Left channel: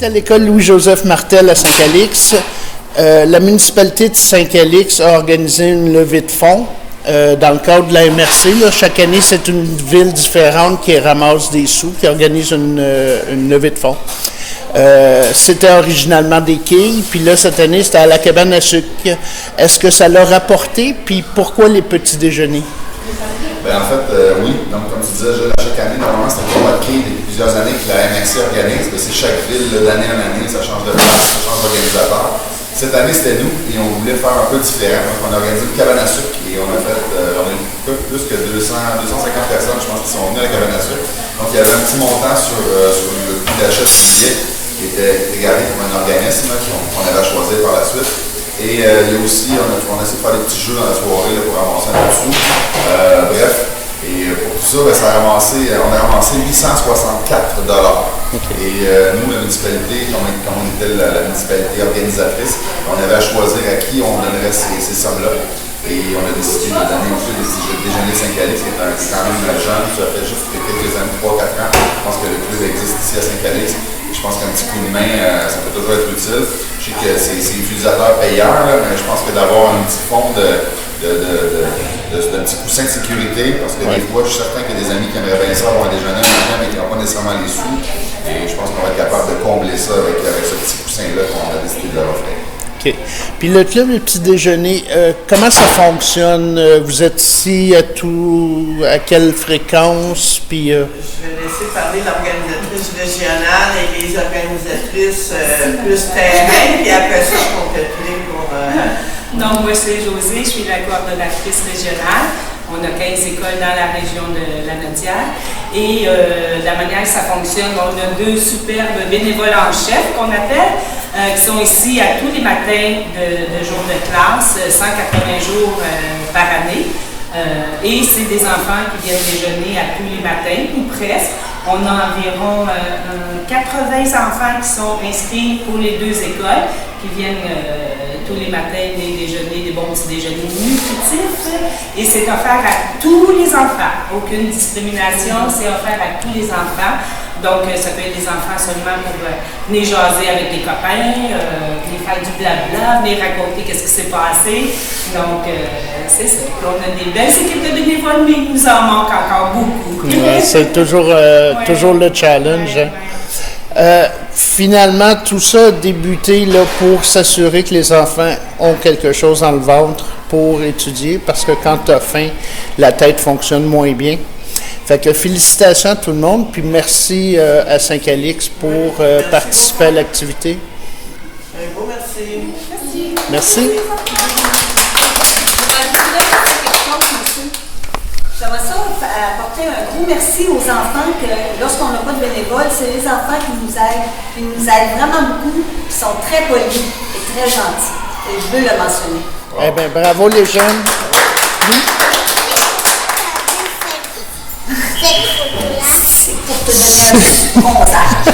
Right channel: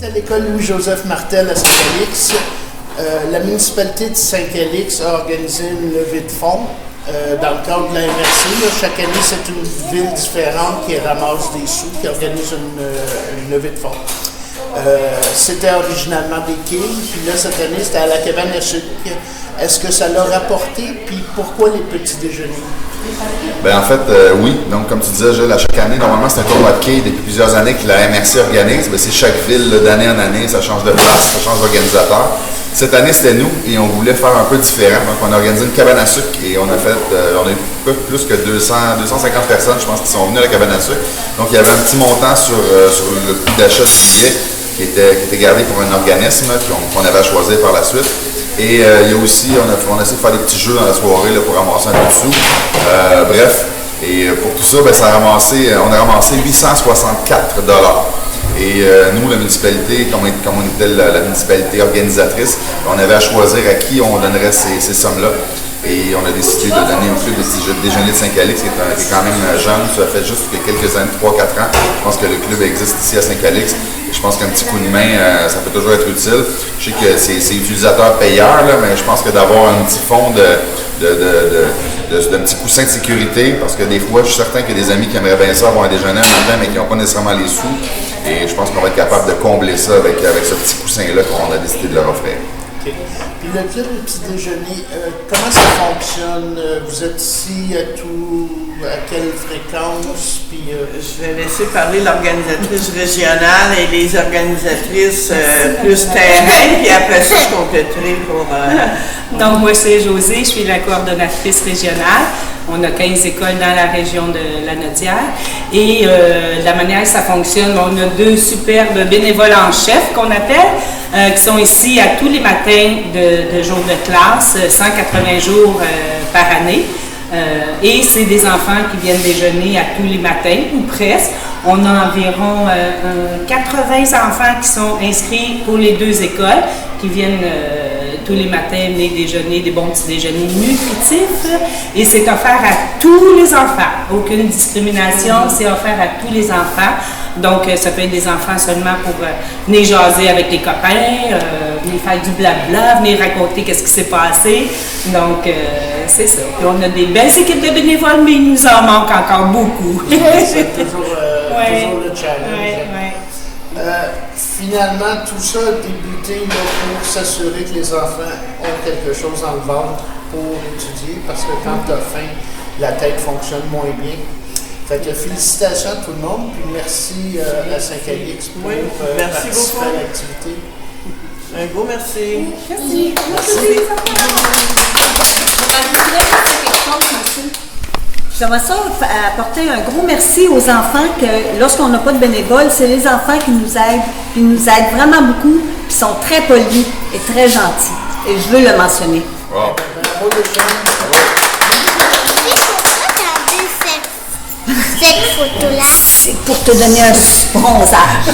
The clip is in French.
est à l'école Louis-Joseph Martel à Saint-Calix. La municipalité de Saint-Calix a organisé une levée de fonds dans le cadre de la MRC. Là, chaque année, c'est une ville différente qui ramasse des sous, qui organise une levée de fonds. C'était originalement des quilles, puis là, cette année, c'était à la cabane à sucre. Est-ce que ça l'a rapporté, puis pourquoi les petits déjeuners? Bien, en fait, oui. Donc, comme tu disais, Gilles, à chaque année, normalement, c'est un tournoi de quilles depuis plusieurs années que la MRC organise. Bien, c'est chaque ville, d'année en année, ça change de place, ça change d'organisateur. Cette année, c'était nous, et on voulait faire un peu différent. Donc, on a organisé une cabane à sucre, et on a fait, on a eu plus que 250 personnes, je pense, qui sont venues à la cabane à sucre. Donc, il y avait un petit montant sur le prix d'achat du billet qui était gardé pour un organisme qu'on avait à choisir par la suite. Et il y a aussi, on a essayé de faire des petits jeux dans la soirée là, pour ramasser un peu de sous. Bref, et pour tout ça, ben, on a ramassé 864 $. Et nous, la municipalité, comme on était la municipalité organisatrice, on avait à choisir à qui on donnerait ces sommes-là. Et on a décidé de donner au club de déjeuner de Saint-Calix, qui est quand même jeune. Ça fait juste quelques années, 3-4 ans. Je pense que le club existe ici à Saint-Calix. Je pense qu'un petit coup de main, ça peut toujours être utile. Je sais que c'est utilisateur payeur, là, mais je pense que d'avoir un petit fonds d'un petit coussin de sécurité, parce que des fois, je suis certain qu'il y a des amis qui aimeraient bien ça avoir un déjeuner un matin, mais qui n'ont pas nécessairement les sous. Et je pense qu'on va être capable de combler ça avec ce petit coussin-là qu'on a décidé de leur offrir. OK. Puis le club des petits déjeuners, comment ça fonctionne? Vous êtes ici à quelle fréquence? Puis, Je vais laisser parler l'organisatrice régionale et les organisatrices plus terrain, puis après ça, je compléterai pour... Donc, moi, c'est Josée, je suis la coordonnatrice régionale. On a 15 écoles dans la région de la Nodière. Et la manière que ça fonctionne, on a 2 superbes bénévoles en chef qu'on appelle, qui sont ici à tous les matins de jours de classe, 180 jours par année. Et c'est des enfants qui viennent déjeuner à tous les matins, ou presque. On a environ 80 enfants qui sont inscrits pour les 2 écoles, qui viennent tous les matins venir déjeuner, des bons petits déjeuners nutritifs. Et c'est offert à tous les enfants. Aucune discrimination, c'est offert à tous les enfants. Donc, ça peut être des enfants seulement pour venir jaser avec les copains, venir faire du blabla, venir raconter qu'est-ce qui s'est passé. Donc, c'est ça. Puis on a des belles équipes de bénévoles, mais il nous en manque encore beaucoup. C'est toujours le challenge. Finalement, tout ça a débuté là, pour s'assurer que les enfants ont quelque chose dans le ventre pour étudier, parce que quand tu as faim, la tête fonctionne moins bien. Fait que félicitations à tout le monde, puis merci à Saint-Calix pour participer à l'activité. Un gros merci. Merci. Merci. J'aimerais ça apporter un gros merci aux enfants que lorsqu'on n'a pas de bénévoles, c'est les enfants qui nous aident vraiment beaucoup, qui sont très polis et très gentils. Et je veux le mentionner. Wow. Eh bien, bravo les jeunes. Cette photo-là. C'est pour te donner un bronzage.